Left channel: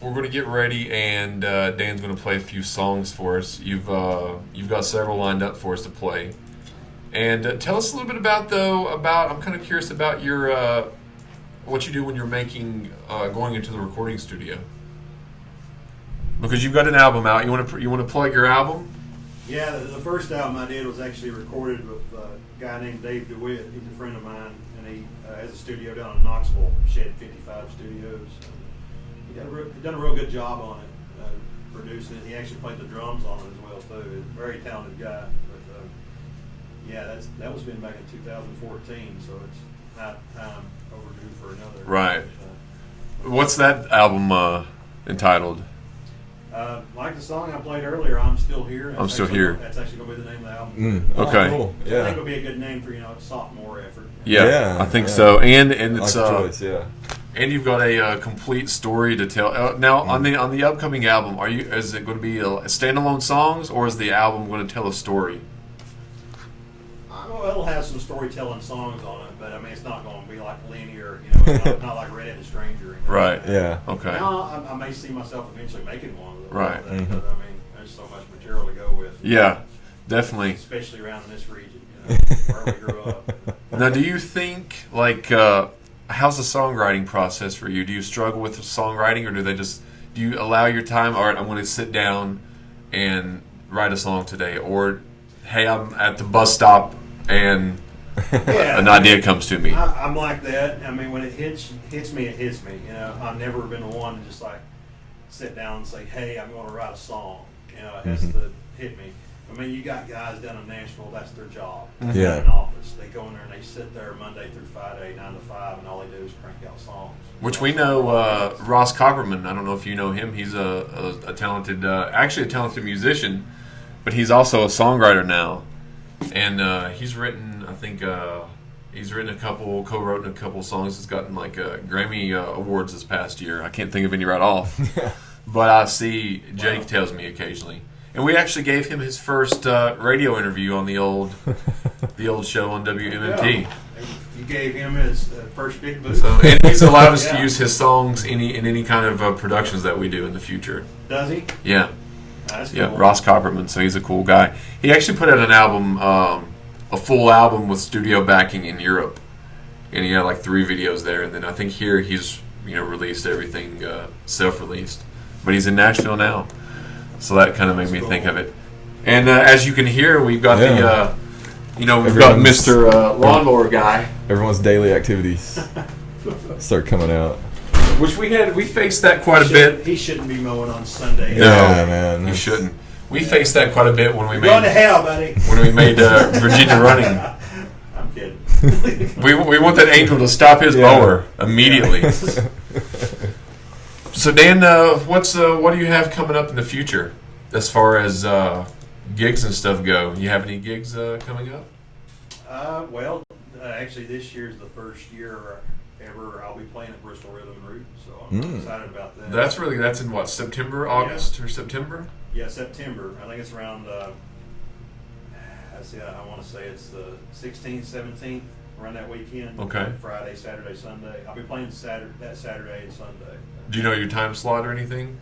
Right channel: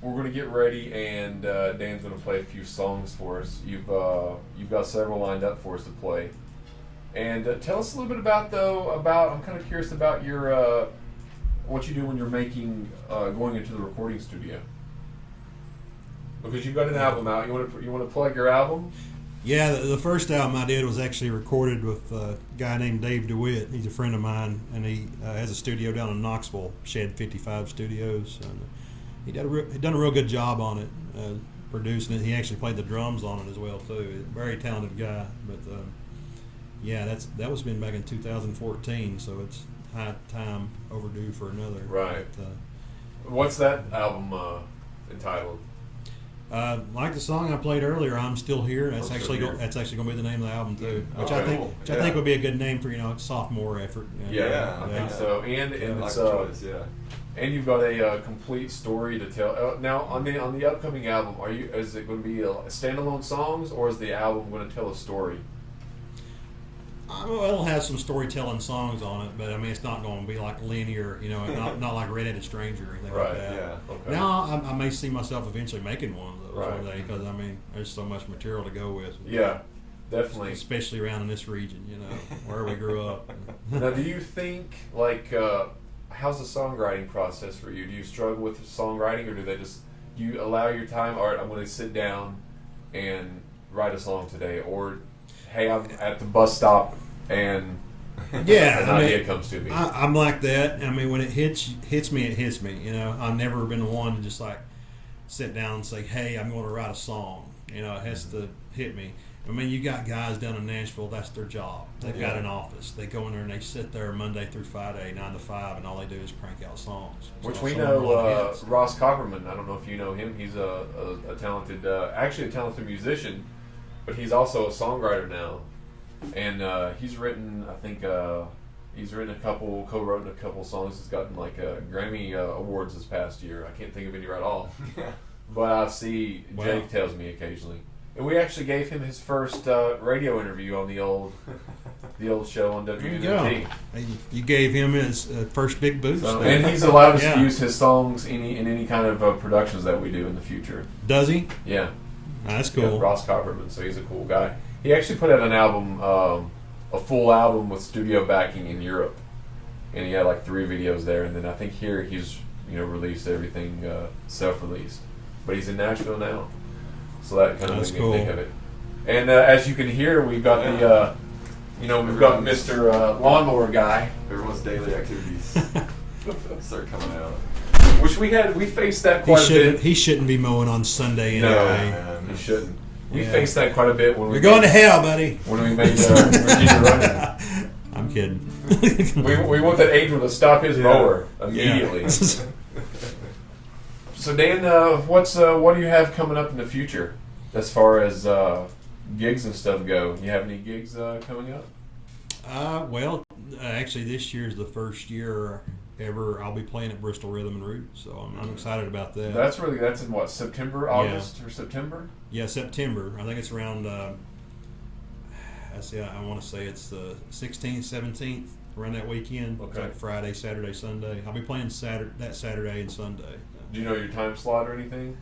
we're going to get ready, and Dan's going to play a few songs for us. You've got several lined up for us to play, and tell us a little bit about. I'm kind of curious about your what you do when you're making going into the recording studio, because you've got an album out. You want to plug your album? Yeah, the first album I did was actually recorded with a guy named Dave DeWitt. He's a friend of mine, and he has a studio down in Knoxville, Shed 55 Studios. And he done a real good job on it, producing it. He actually played the drums on it as well too. He's a very talented guy. But yeah, that was been back in 2014, so it's high time overdue for another. Right. But, what's that album entitled? Like the song I played earlier, I'm Still Here. I'm Still Here. That's actually going to be the name of the album too. Okay. Cool. Which I think would be a good name for a sophomore effort. Yeah, I think so. And it's choice, yeah. And you've got a complete story to tell. Now on the upcoming album, is it going to be a standalone songs, or is the album going to tell a story? Well, it'll have some storytelling songs on it, but I mean, it's not going to be like linear, not like Red-Headed Stranger. Right. Like that. Yeah. Okay. Now, I may see myself eventually making one of those. Right. Because I mean, there's so much material to go with. Yeah, definitely. Especially around this region, where we grew up. Now, do you think how's the songwriting process for you? Do you struggle with songwriting, or do you allow your time? All right, I'm going to sit down and write a song today, or hey, I'm at the bus stop and an idea comes to me. I'm like that. I mean, when it hits me, it hits me. I've never been the one to just like sit down and say, "Hey, I'm going to write a song." It has to hit me. I mean, you got guys down in Nashville. That's their job. They got an office. They go in there and they sit there Monday through Friday, 9 to 5, and all they do is crank out songs. Which we know, Ross Copperman. I don't know if you know him. He's a talented, actually a talented musician, but he's also a songwriter now. And he's written, I think, co-written a couple songs. He's gotten like Grammy awards this past year. I can't think of any right off, but I see Jake tells me occasionally. And we actually gave him his first radio interview on the old show on WMMT. You gave him his first big boost. And he's allowed us to use his songs in any kind of productions that we do in the future. Does he? Yeah. That's cool. Yeah, Ross Copperman, so he's a cool guy. He actually put out an album, a full album with studio backing in Europe, and he had like 3 videos there. And then I think here he's released everything self-released, but he's in Nashville now, so that kind of made me think of it. And as you can hear, we've got we've got Mr. Lawnmower Guy. Everyone's daily activities start coming out. Which we faced that quite a bit. He shouldn't be mowing on Sunday. No, man. He shouldn't. We faced that quite a bit when we going to hell, buddy. When we made Virginia Running. I'm kidding. we want that angel to stop his mower immediately. So Dan, what do you have coming up in the future as far as gigs and stuff go? You have any gigs coming up? Well, actually, this year's the first year ever I'll be playing at Bristol Rhythm and Roots, so I'm excited about that. That's in what, September, August, or September? Yeah, September. I think it's around. I want to say it's the 16th, 17th, around that weekend. Okay. Friday, Saturday, Sunday. I'll be playing that Saturday and Sunday. Do you know your time slot or anything?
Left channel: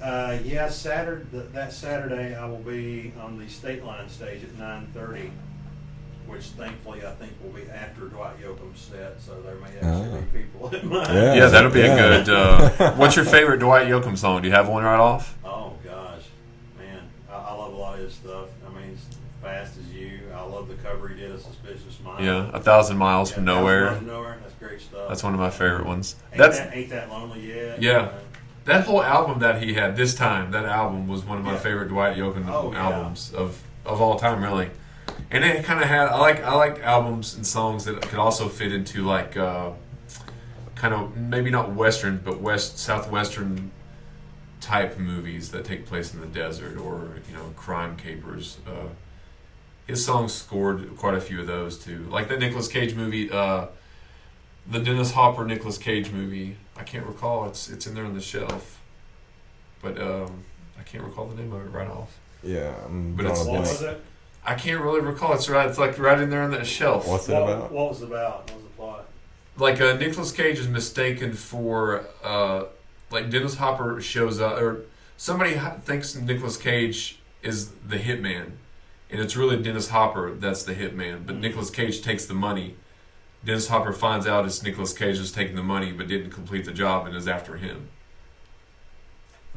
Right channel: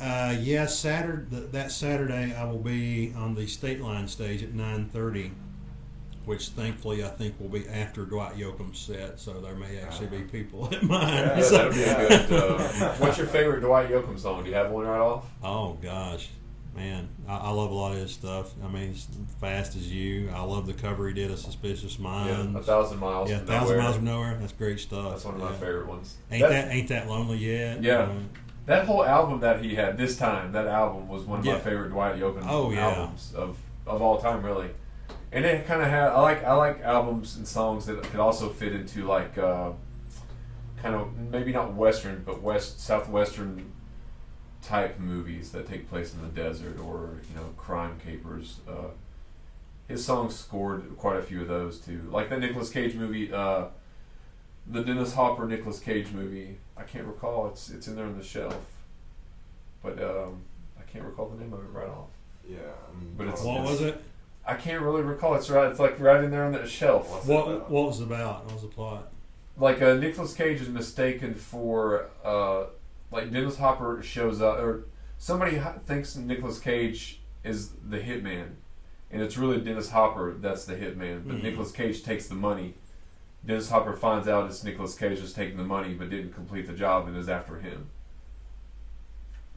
Yeah, that Saturday I will be on the State Line stage at 9:30. Which thankfully I think will be after Dwight Yoakam's set, so there may actually be people at mine. Yeah, that'll be a good. What's your favorite Dwight Yoakam song? Do you have one right off? Oh gosh, man, I love a lot of his stuff. I mean, it's Fast as You. I love the cover he did of Suspicious Mind. Yeah, 1,000 Miles from Nowhere. 1,000 Miles from Nowhere. That's great stuff. That's one of my favorite ones. Ain't that lonely yet? Yeah. That whole album that he had this time, that album was one of my favorite Dwight Yoakam albums of all time, really. And it kind of had I like albums and songs that could also fit into like kind of maybe not western but southwestern type movies that take place in the desert or crime capers. His songs scored quite a few of those too, like the Nicolas Cage movie, the Dennis Hopper Nicolas Cage movie. I can't recall. It's in there on the shelf, but I can't recall the name of it right off. Yeah, but what was it? I can't really recall. It's like right in there on that shelf. What's it about? What was it about? What was the plot? Like Nicolas Cage is mistaken for like Dennis Hopper shows up, or somebody thinks Nicolas Cage is the hitman, and it's really Dennis Hopper that's the hitman. But Nicolas Cage takes the money. Dennis Hopper finds out it's Nicolas Cage who's taking the money, but didn't complete the job and is after him.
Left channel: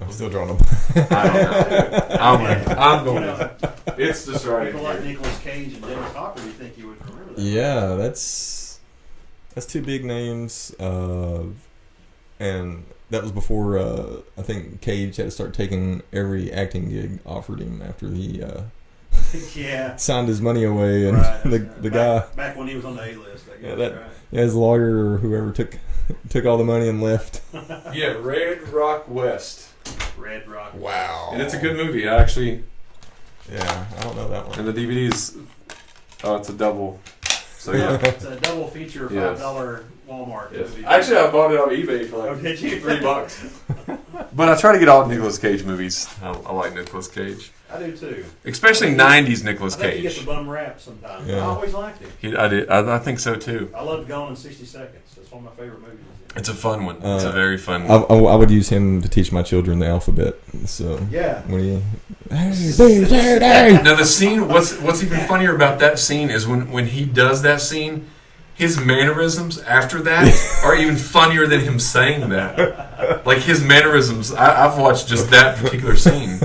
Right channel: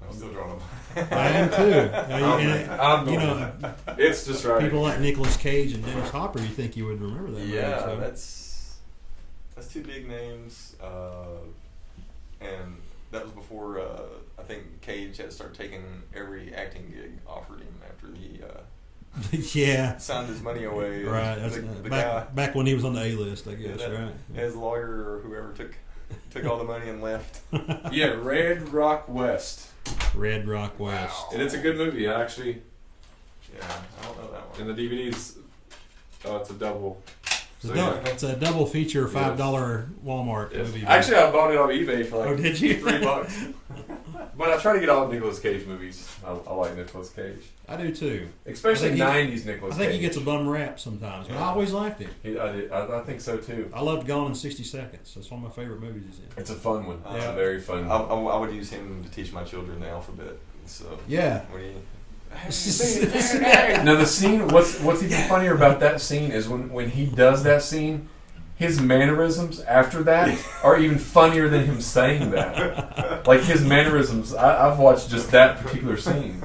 I'm still drawing them. I don't know. I'm going. It's just right. People like Nicolas Cage and Dennis Hopper, you think you would remember that? Yeah, that's two big names, and that was before I think Cage had to start taking every acting gig offered him after he yeah. signed his money away, and Right. the guy back when he was on the A-list, I guess. Right. his lawyer or whoever took all the money and left. Yeah, Red Rock West. Red Rock. Wow. And it's a good movie. I actually, Yeah, I don't know that one. and the DVD's, it's a double. So Well, yeah. it's a double feature, Yes. $5 Walmart Yes. movie. Actually, I bought it on eBay for like Oh, did you? $3. But I try to get all Nicolas Cage movies. I like Nicolas Cage, I do too. especially '90s Nicolas I think he Cage. gets a bum rap sometimes. Yeah. I always liked it. I think so too. I loved Gone in 60 Seconds. It's one of my favorite movies. It's a fun one. It's a very fun. I would use him to teach my children the alphabet. So Yeah. when he Now the scene. What's even funnier about that scene is when he does that scene, his mannerisms after that are even funnier than him saying that. Like his mannerisms. I've watched just that particular scene.